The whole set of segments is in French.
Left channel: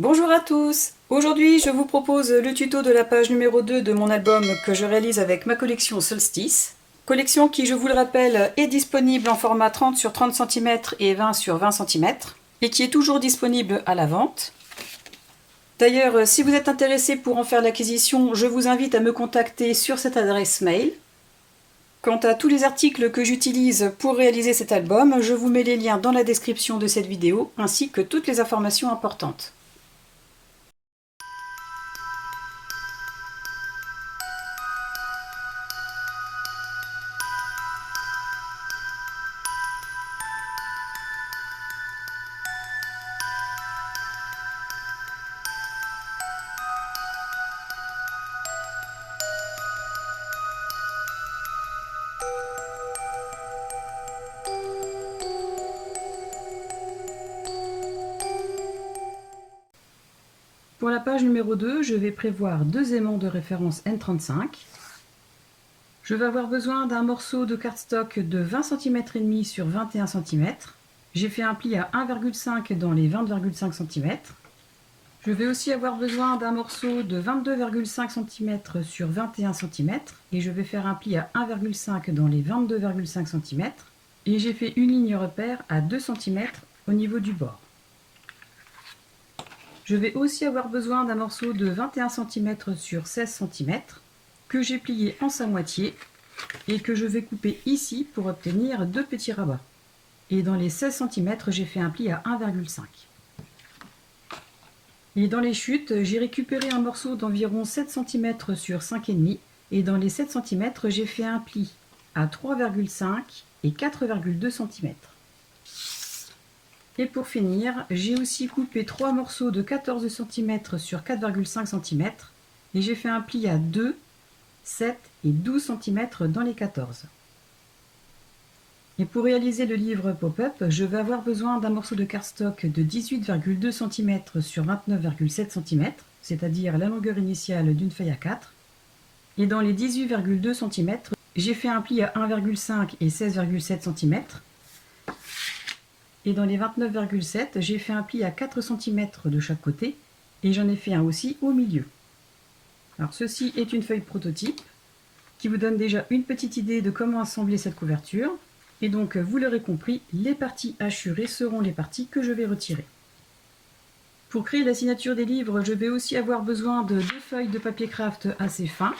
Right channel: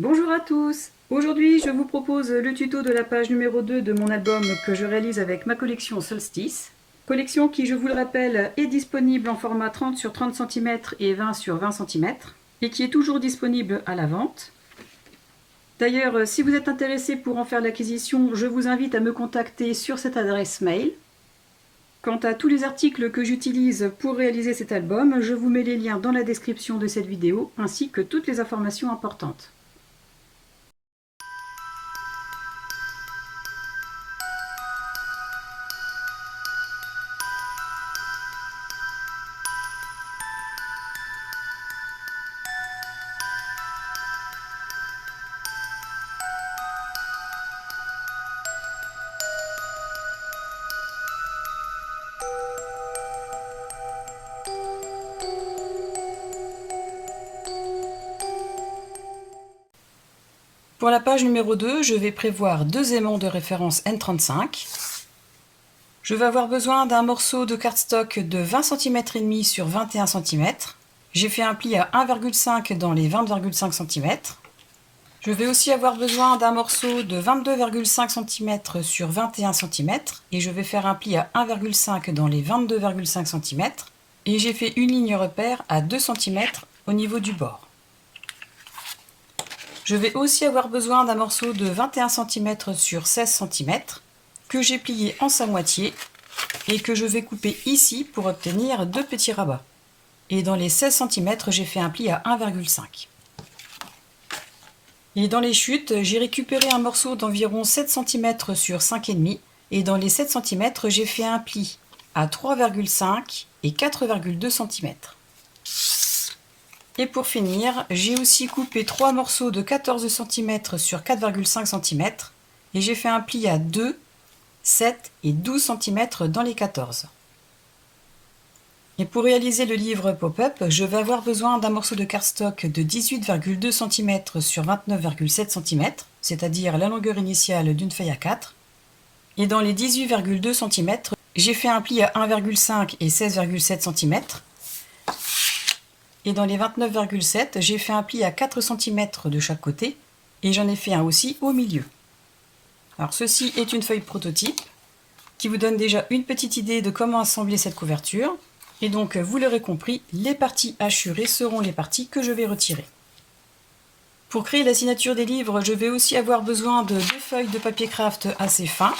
Bonjour à tous. Aujourd'hui, je vous propose le tuto de la page numéro 2 de mon album que je réalise avec ma collection Solstice. Collection qui, je vous le rappelle, est disponible en format 30 sur 30 cm et 20 sur 20 cm et qui est toujours disponible à la vente. D'ailleurs, si vous êtes intéressé pour en faire l'acquisition, je vous invite à me contacter sur cette adresse mail. Quant à tous les articles que j'utilise pour réaliser cet album, je vous mets les liens dans la description de cette vidéo ainsi que toutes les informations importantes. Pour la page numéro 2, je vais prévoir deux aimants de référence N35. Je vais avoir besoin d'un morceau de cardstock de 20 cm et demi sur 21 cm. J'ai fait un pli à 1,5 dans les 20,5 cm. Je vais aussi avoir besoin d'un morceau de 22,5 cm sur 21 cm et je vais faire un pli à 1,5 dans les 22,5 cm. Et j'ai fait une ligne repère à 2 cm au niveau du bord. Je vais aussi avoir besoin d'un morceau de 21 cm sur 16 cm que j'ai plié en sa moitié et que je vais couper ici pour obtenir deux petits rabats. Et dans les 16 cm, j'ai fait un pli à 1,5. Et dans les chutes, j'ai récupéré un morceau d'environ 7 cm sur 5,5 et dans les 7 cm, j'ai fait un pli à 3,5 et 4,2 cm. Et pour finir, j'ai aussi coupé 3 morceaux de 14 cm sur 4,5 cm et j'ai fait un pli à 2, 7 et 12 cm dans les 14. Et pour réaliser le livre pop-up, je vais avoir besoin d'un morceau de cardstock de 18,2 cm sur 29,7 cm, c'est-à-dire la longueur initiale d'une feuille A4. Et dans les 18,2 cm, j'ai fait un pli à 1,5 et 16,7 cm. Et dans les 29,7, j'ai fait un pli à 4 cm de chaque côté et j'en ai fait un aussi au milieu. Alors ceci est une feuille prototype qui vous donne déjà une petite idée de comment assembler cette couverture. Et donc vous l'aurez compris, les parties hachurées seront les parties que je vais retirer. Pour créer la signature des livres, je vais aussi avoir besoin de deux feuilles de papier craft assez fin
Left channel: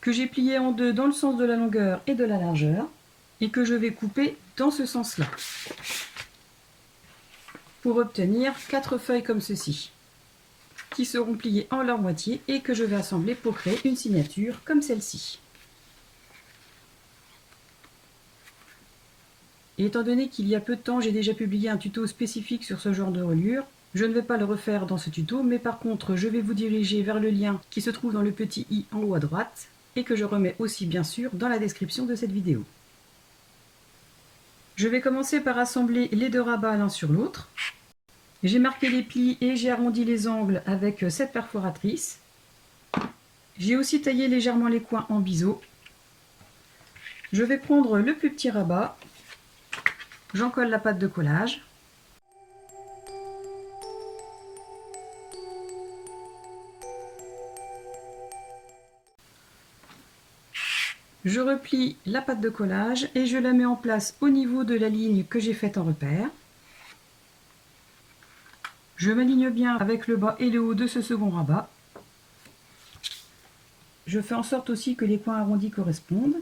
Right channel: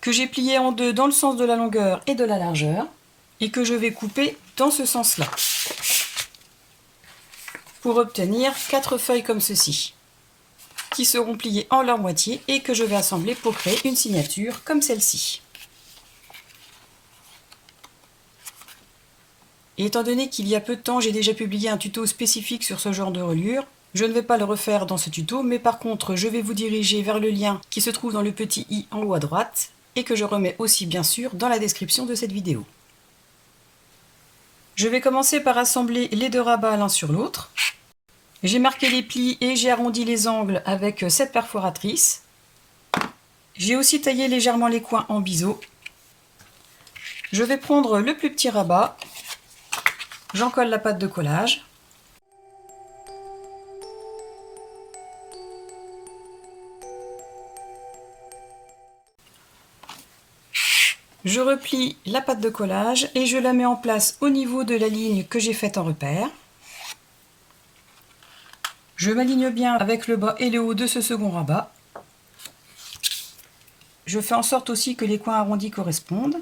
que j'ai pliées en deux dans le sens de la longueur et de la largeur et que je vais couper dans ce sens-là, pour obtenir 4 feuilles comme ceci, qui seront pliées en leur moitié et que je vais assembler pour créer une signature comme celle-ci. Et étant donné qu'il y a peu de temps, j'ai déjà publié un tuto spécifique sur ce genre de reliure, je ne vais pas le refaire dans ce tuto, mais par contre, je vais vous diriger vers le lien qui se trouve dans le petit i en haut à droite et que je remets aussi bien sûr dans la description de cette vidéo. Je vais commencer par assembler les deux rabats l'un sur l'autre. J'ai marqué les plis et j'ai arrondi les angles avec cette perforatrice. J'ai aussi taillé légèrement les coins en biseau. Je vais prendre le plus petit rabat. J'en colle la pâte de collage. Je replie la pâte de collage et je la mets en place au niveau de la ligne que j'ai faite en repère. Je m'aligne bien avec le bas et le haut de ce second rabat. Je fais en sorte aussi que les coins arrondis correspondent.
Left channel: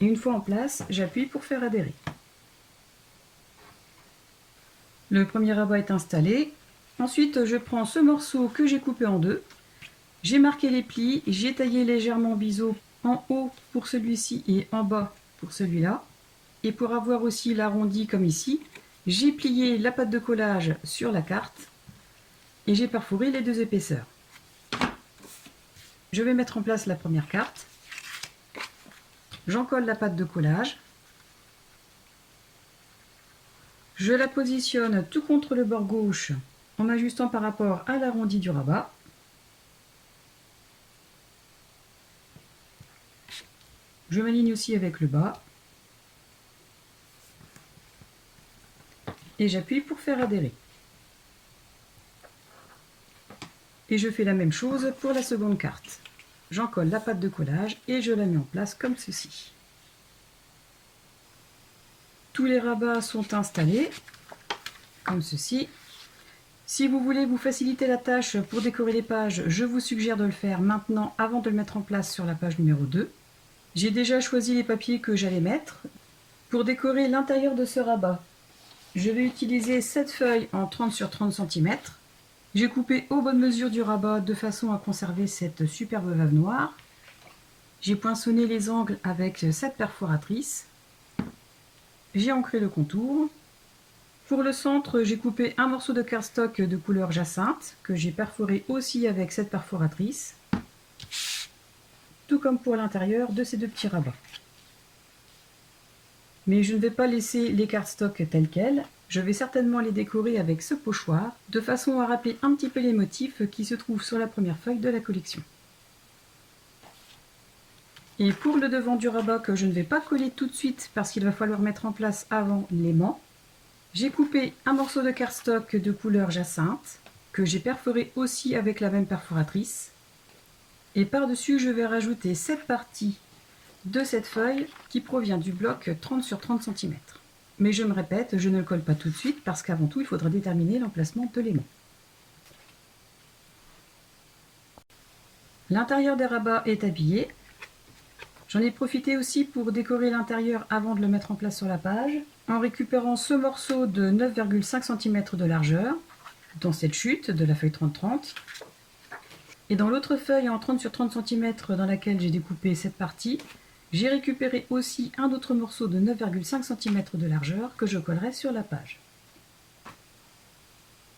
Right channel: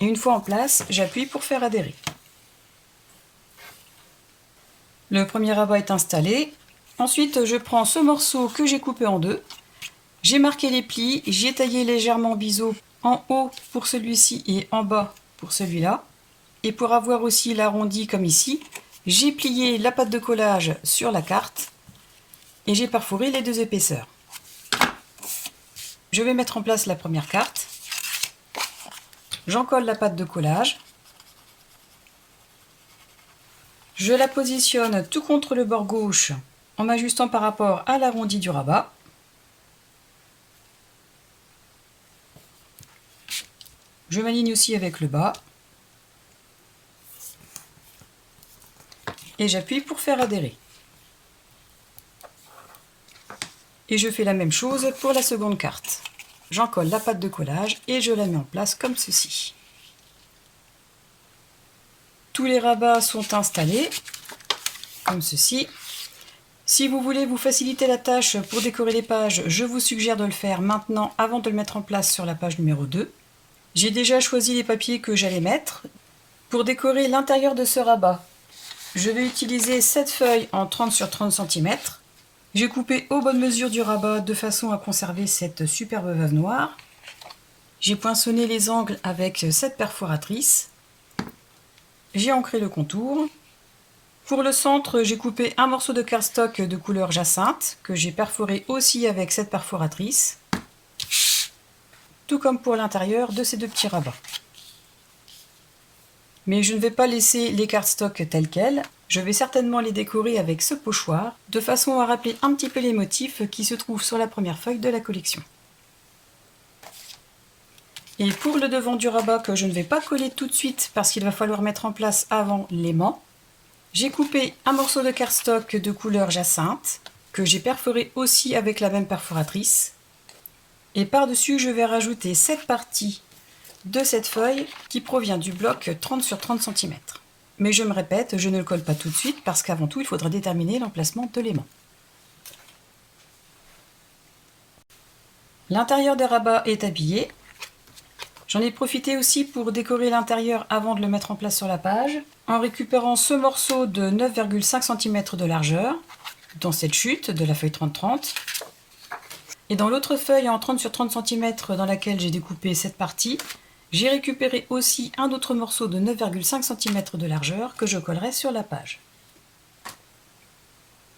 Et une fois en place, j'appuie pour faire adhérer. Le premier rabat est installé. Ensuite, je prends ce morceau que j'ai coupé en deux. J'ai marqué les plis, j'ai taillé légèrement biseau en haut pour celui-ci et en bas pour celui-là. Et pour avoir aussi l'arrondi comme ici, j'ai plié la pâte de collage sur la carte et j'ai perforé les deux épaisseurs. Je vais mettre en place la première carte. J'en colle la pâte de collage. Je la positionne tout contre le bord gauche en m'ajustant par rapport à l'arrondi du rabat. Je m'aligne aussi avec le bas. et j'appuie pour faire adhérer. Et je fais la même chose pour la seconde carte. J'en colle la pâte de collage et je la mets en place comme ceci. Tous les rabats sont installés, comme ceci. Si vous voulez vous faciliter la tâche pour décorer les pages, je vous suggère de le faire maintenant avant de le mettre en place sur la page numéro 2. J'ai déjà choisi les papiers que j'allais mettre. Pour décorer l'intérieur de ce rabat, je vais utiliser cette feuille en 30 sur 30 cm. J'ai coupé aux bonnes mesures du rabat de façon à conserver cette superbe veuve noire. J'ai poinçonné les angles avec cette perforatrice. J'ai ancré le contour. Pour le centre, j'ai coupé un morceau de cardstock de couleur jacinthe que j'ai perforé aussi avec cette perforatrice, tout comme pour l'intérieur de ces deux petits rabats. Mais je ne vais pas laisser les cardstocks tels quels, je vais certainement les décorer avec ce pochoir, de façon à rappeler un petit peu les motifs qui se trouvent sur la première feuille de la collection. Et pour le devant du rabat que je ne vais pas coller tout de suite parce qu'il va falloir mettre en place avant l'aimant, j'ai coupé un morceau de cardstock de couleur jacinthe que j'ai perforé aussi avec la même perforatrice. Et par-dessus, je vais rajouter cette partie de cette feuille qui provient du bloc 30 sur 30 cm. Mais je me répète, je ne le colle pas tout de suite parce qu'avant tout, il faudra déterminer l'emplacement de l'aimant. L'intérieur des rabats est habillé. J'en ai profité aussi pour décorer l'intérieur avant de le mettre en place sur la page, en récupérant ce morceau de 9,5 cm de largeur, dans cette chute de la feuille 30-30. Et dans l'autre feuille en 30 sur 30 cm dans laquelle j'ai découpé cette partie, j'ai récupéré aussi un autre morceau de 9,5 cm de largeur que je collerai sur la page.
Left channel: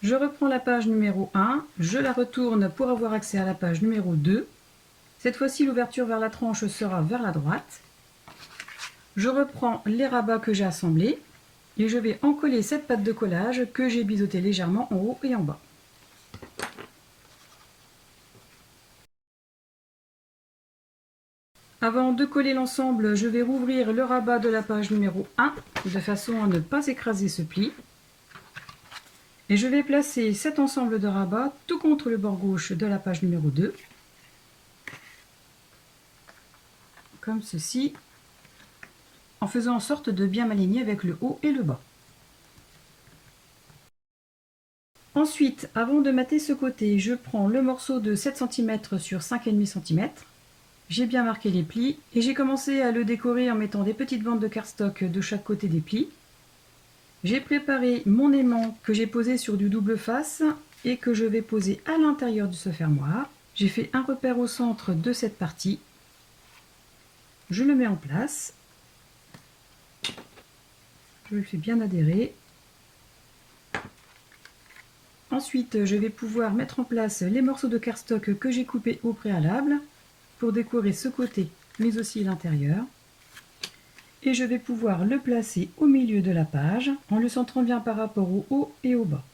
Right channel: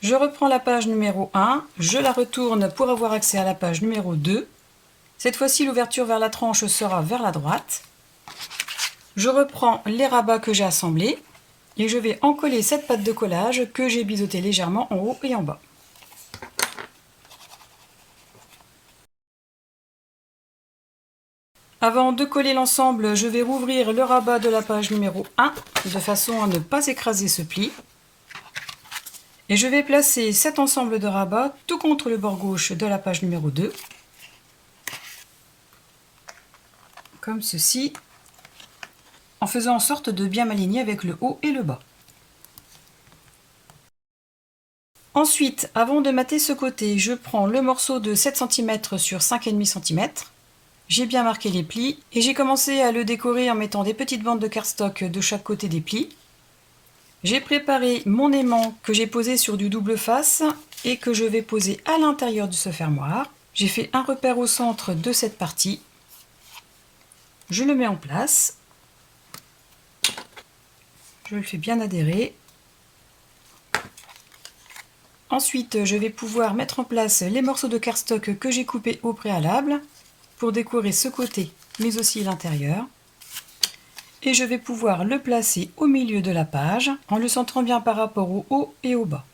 Je reprends la page numéro 1, je la retourne pour avoir accès à la page numéro 2. Cette fois-ci, l'ouverture vers la tranche sera vers la droite. Je reprends les rabats que j'ai assemblés et je vais encoller cette pâte de collage que j'ai biseautée légèrement en haut et en bas. Avant de coller l'ensemble, je vais rouvrir le rabat de la page numéro 1 de façon à ne pas écraser ce pli. Et je vais placer cet ensemble de rabats tout contre le bord gauche de la page numéro 2. Comme ceci, en faisant en sorte de bien m'aligner avec le haut et le bas. Ensuite, avant de mater ce côté, je prends le morceau de 7 cm sur 5,5 cm. J'ai bien marqué les plis et j'ai commencé à le décorer en mettant des petites bandes de cardstock de chaque côté des plis. J'ai préparé mon aimant que j'ai posé sur du double face et que je vais poser à l'intérieur de ce fermoir. J'ai fait un repère au centre de cette partie. Je le mets en place. Je le fais bien adhérer. Ensuite, je vais pouvoir mettre en place les morceaux de cardstock que j'ai coupés au préalable pour décorer ce côté, mais aussi l'intérieur. Et je vais pouvoir le placer au milieu de la page en le centrant bien par rapport au haut et au bas.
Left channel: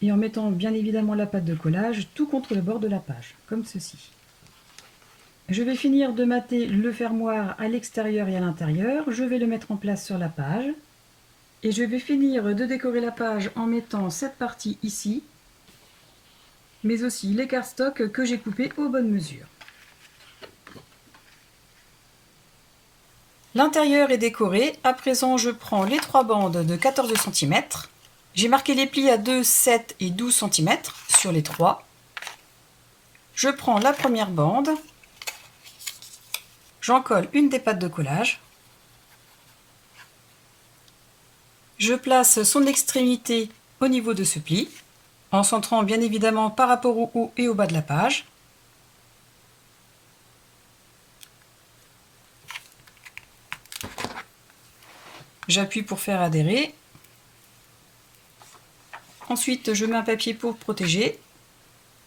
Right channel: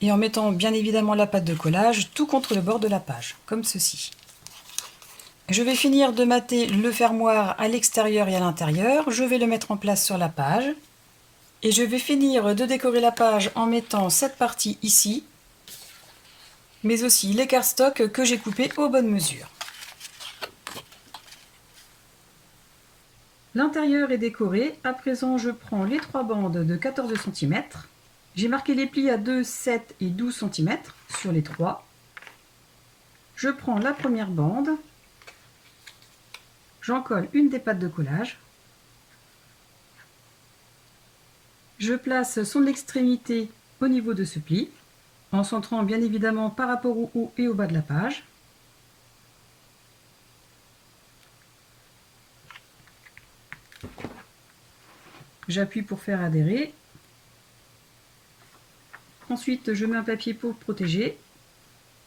Et en mettant bien évidemment la pâte de collage tout contre le bord de la page, comme ceci. Je vais finir de mater le fermoir à l'extérieur et à l'intérieur. Je vais le mettre en place sur la page. Et je vais finir de décorer la page en mettant cette partie ici, mais aussi les cardstock que j'ai coupés aux bonnes mesures. L'intérieur est décoré. À présent, je prends les 3 bandes de 14 cm. J'ai marqué les plis à 2, 7 et 12 cm sur les 3. Je prends la première bande. J'en colle une des pattes de collage. Je place son extrémité au niveau de ce pli, en centrant bien évidemment par rapport au haut et au bas de la page. J'appuie pour faire adhérer. Ensuite, je mets un papier pour protéger.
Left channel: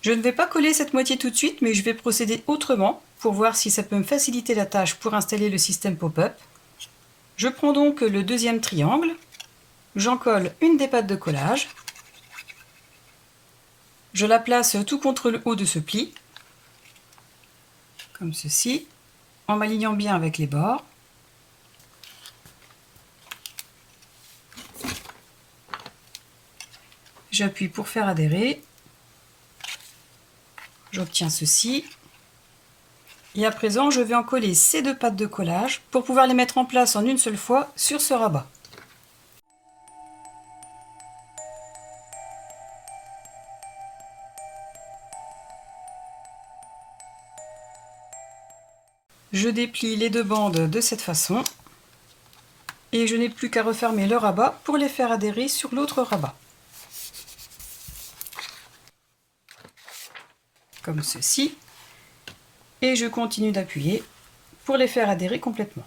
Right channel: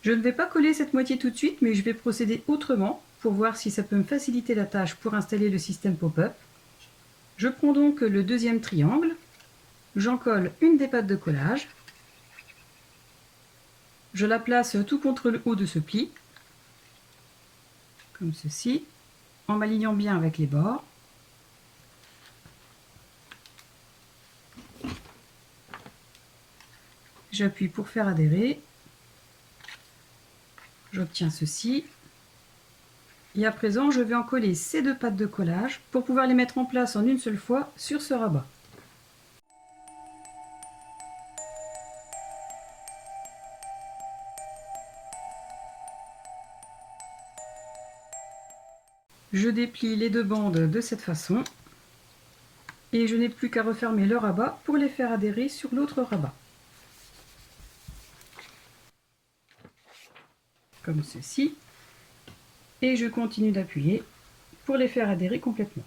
Je ne vais pas coller cette moitié tout de suite, mais je vais procéder autrement pour voir si ça peut me faciliter la tâche pour installer le système pop-up. Je prends donc le deuxième triangle. J'en colle une des pattes de collage. Je la place tout contre le haut de ce pli, comme ceci, en m'alignant bien avec les bords. J'appuie pour faire adhérer. J'obtiens ceci. Et à présent, je vais en coller ces deux pattes de collage pour pouvoir les mettre en place en une seule fois sur ce rabat. Je déplie les deux bandes de cette façon et je n'ai plus qu'à refermer le rabat pour les faire adhérer sur l'autre rabat. Comme ceci. Et je continue d'appuyer pour les faire adhérer complètement.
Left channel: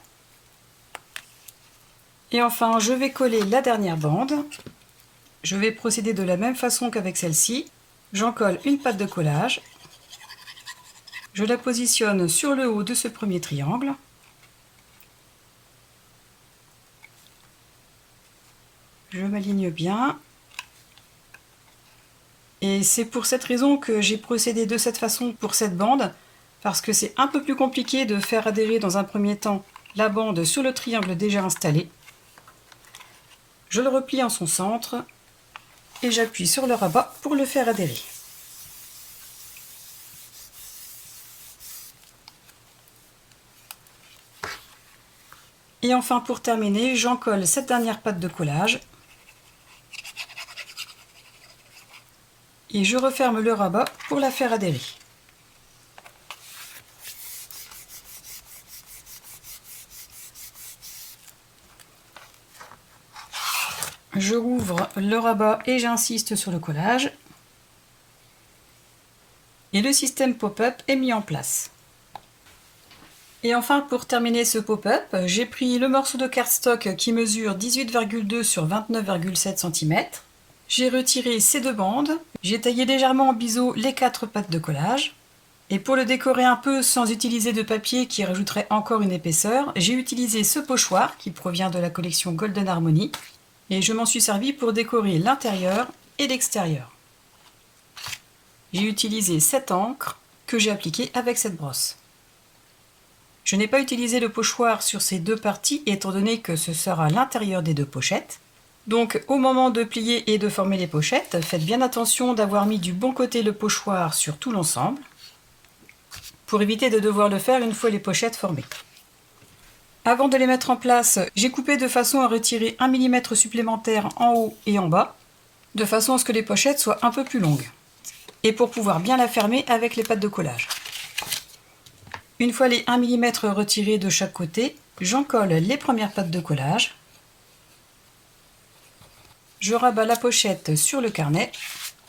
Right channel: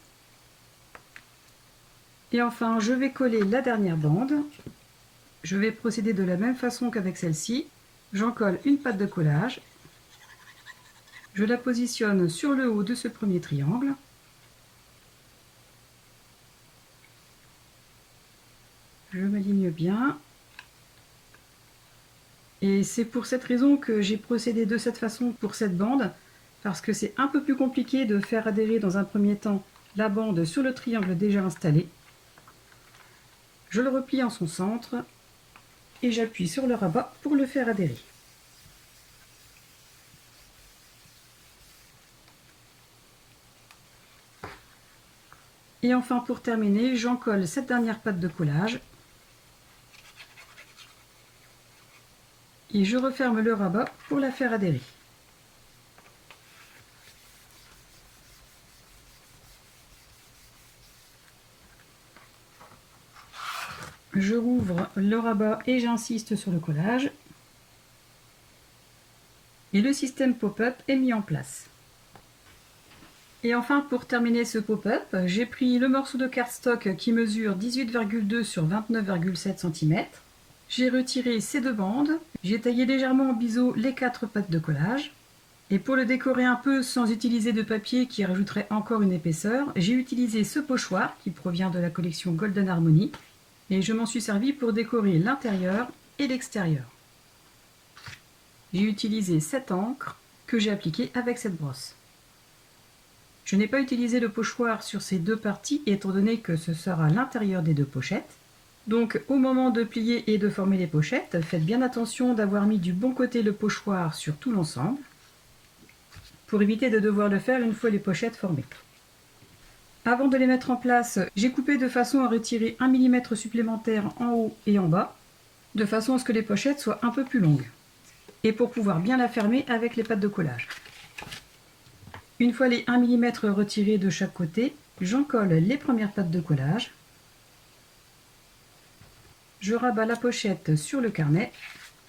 Et enfin, je vais coller la dernière bande. Je vais procéder de la même façon qu'avec celle-ci. J'en colle une patte de collage. Je la positionne sur le haut de ce premier triangle. Je m'aligne bien. Et c'est pour cette raison que j'ai procédé de cette façon pour cette bande, parce que c'est un peu plus compliqué de faire adhérer dans un premier temps la bande sur le triangle déjà installé. Je le replie en son centre et j'appuie sur le rabat pour le faire adhérer. Et enfin, pour terminer, j'en colle cette dernière patte de collage. Et je referme le rabat pour la faire adhérer. Je rouvre le rabat et j'insiste sur le collage. Et le système pop-up est mis en place. Et enfin, pour terminer ce pop-up, j'ai pris le morceau de cardstock qui mesure 18,2 sur 29,7 cm. J'ai retiré ces deux bandes. J'ai taillé légèrement en biseau les 4 pattes de collage. Et pour le décorer un peu sans utiliser de papier qui rajouterait encore une épaisseur, j'ai utilisé ce pochoir qui provient de la collection Golden Harmony. Et je m'en suis servi pour décorer l'intérieur et l'extérieur. J'ai utilisé cette encre que j'ai appliquée avec cette brosse. Je n'ai pas utilisé le pochoir sur ces deux parties étant donné que ce sera l'intérieur des deux pochettes. Donc au moment de plier et de former les pochettes, faites bien attention d'avoir mis du bon côté le pochoir sur tout l'ensemble pour éviter de devoir le faire une fois les pochettes formées. Avant de les mettre en place, j'ai coupé de façon à retirer 1 mm supplémentaire en haut et en bas, de façon à ce que les pochettes soient un peu plus longues, et pour pouvoir bien la fermer avec les pattes de collage. Une fois les 1 mm retirés de chaque côté, j'en colle les premières pattes de collage. Je rabats la pochette sur le carnet,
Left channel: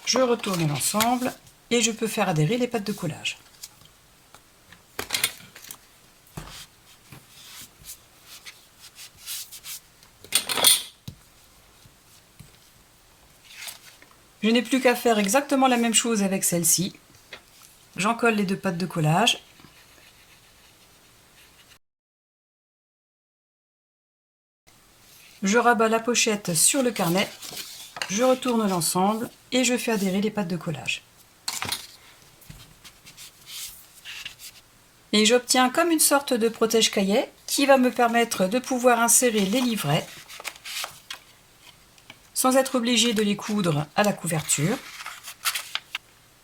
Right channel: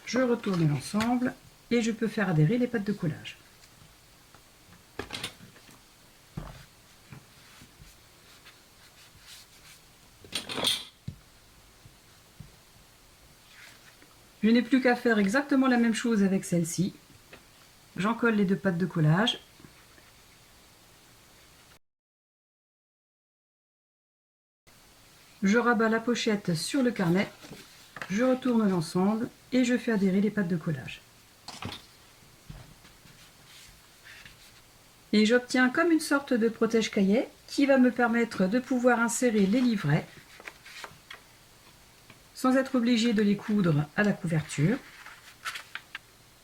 je retourne l'ensemble et je peux faire adhérer les pattes de collage. Je n'ai plus qu'à faire exactement la même chose avec celle-ci. J'en colle les deux pattes de collage. Je rabats la pochette sur le carnet, je retourne l'ensemble et je fais adhérer les pattes de collage. Et j'obtiens comme une sorte de protège-cahier qui va me permettre de pouvoir insérer les livrets sans être obligé de les coudre à la couverture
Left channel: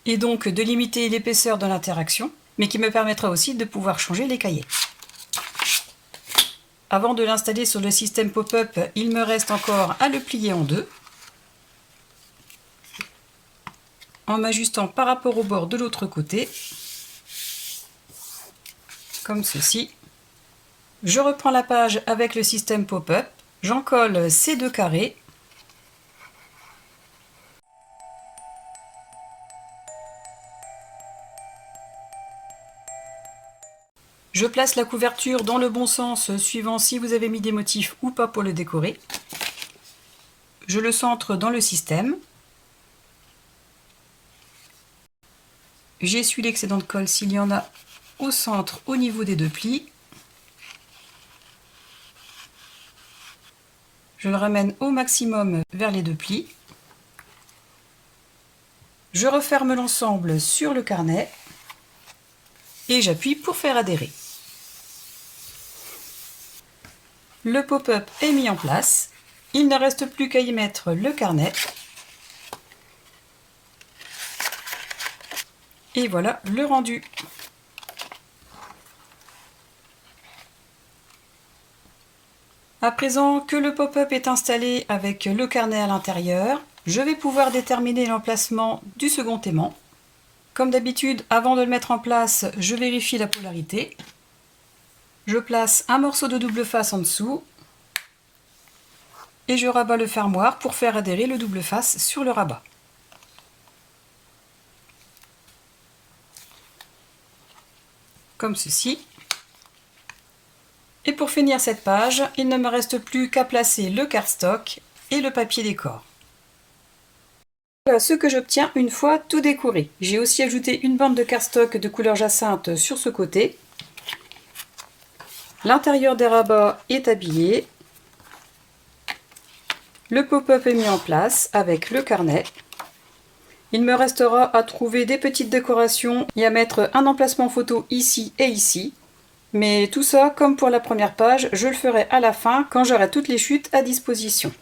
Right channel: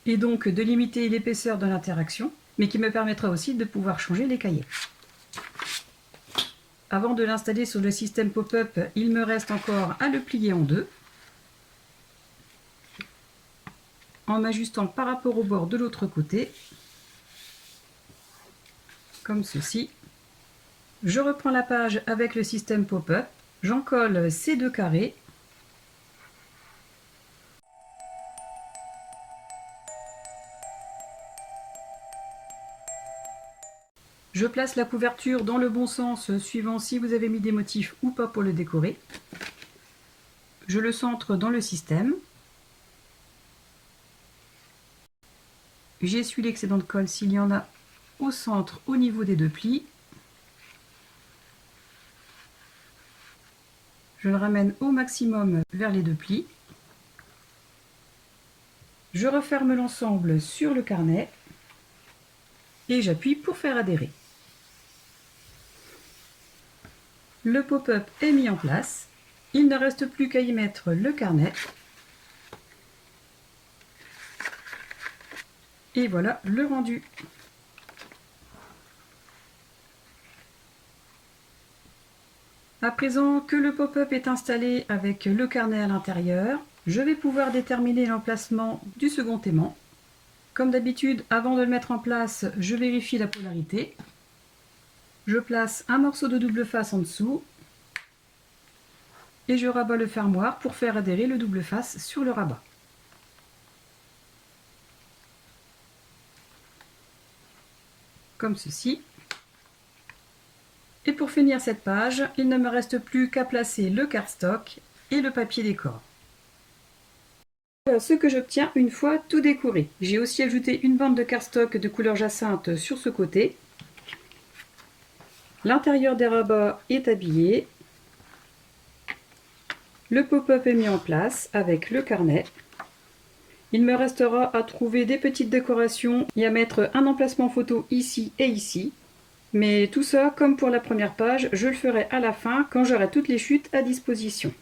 et donc de limiter l'épaisseur de l'interaction, mais qui me permettra aussi de pouvoir changer les cahiers. Avant de l'installer sur le système pop-up, il me reste encore à le plier en deux, en m'ajustant par rapport au bord de l'autre côté, comme ceci. Je reprends la page avec le système pop-up, j'en colle ces deux carrés, je place la couverture dans le bon sens suivant si vous avez mis des motifs ou pas pour le décorer. Je le centre dans le système. J'essuie l'excédent de colle s'il y en a au centre au niveau des deux plis. Je le ramène au maximum vers les deux plis. Je referme l'ensemble sur le carnet et j'appuie pour faire adhérer. Le pop-up est mis en place. Il ne reste plus qu'à y mettre le carnet. Et voilà le rendu. À présent que le pop-up est installé avec le carnet à l'intérieur, je vais pouvoir déterminer l'emplacement du second aimant. Comme d'habitude, avant de le mettre en place, je vérifie la polarité. Je place un morceau de double face en dessous et je rabats le fermoir pour faire adhérer le double face sur le rabat. Comme ceci. Et pour finir cette page, il ne me reste plus qu'à placer le cardstock et le papier décor. Voilà ce que j'obtiens une fois tout décoré. J'ai aussi ajouté une bande de cardstock de couleur jacinthe sur ce côté. L'intérieur des rabats est habillé. Le pop-up est mis en place avec le carnet. Il me restera à trouver des petites décorations et à mettre un emplacement photo ici et ici. Mais tout ça, comme pour la première page, je le ferai à la fin quand j'aurai toutes les chutes à disposition.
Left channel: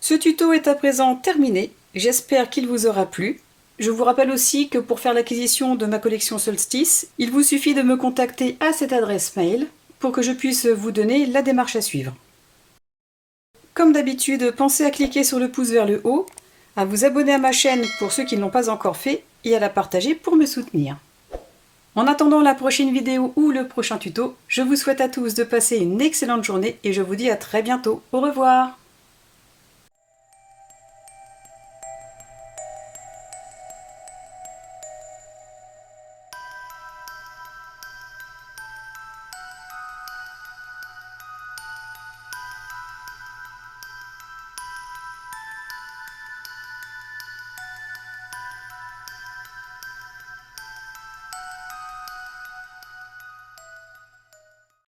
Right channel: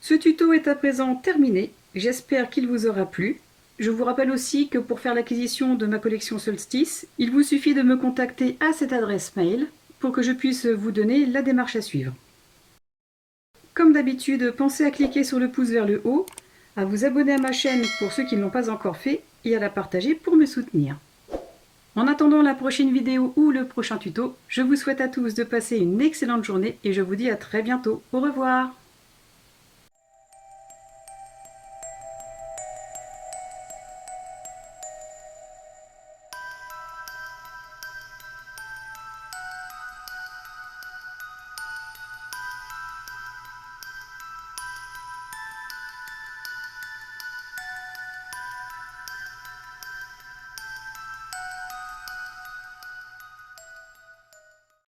Ce tuto est à présent terminé, j'espère qu'il vous aura plu. Je vous rappelle aussi que pour faire l'acquisition de ma collection Solstice, il vous suffit de me contacter à cette adresse mail pour que je puisse vous donner la démarche à suivre. Comme d'habitude, pensez à cliquer sur le pouce vers le haut, à vous abonner à ma chaîne pour ceux qui ne l'ont pas encore fait et à la partager pour me soutenir. En attendant la prochaine vidéo ou le prochain tuto, je vous souhaite à tous de passer une excellente journée et je vous dis à très bientôt. Au revoir!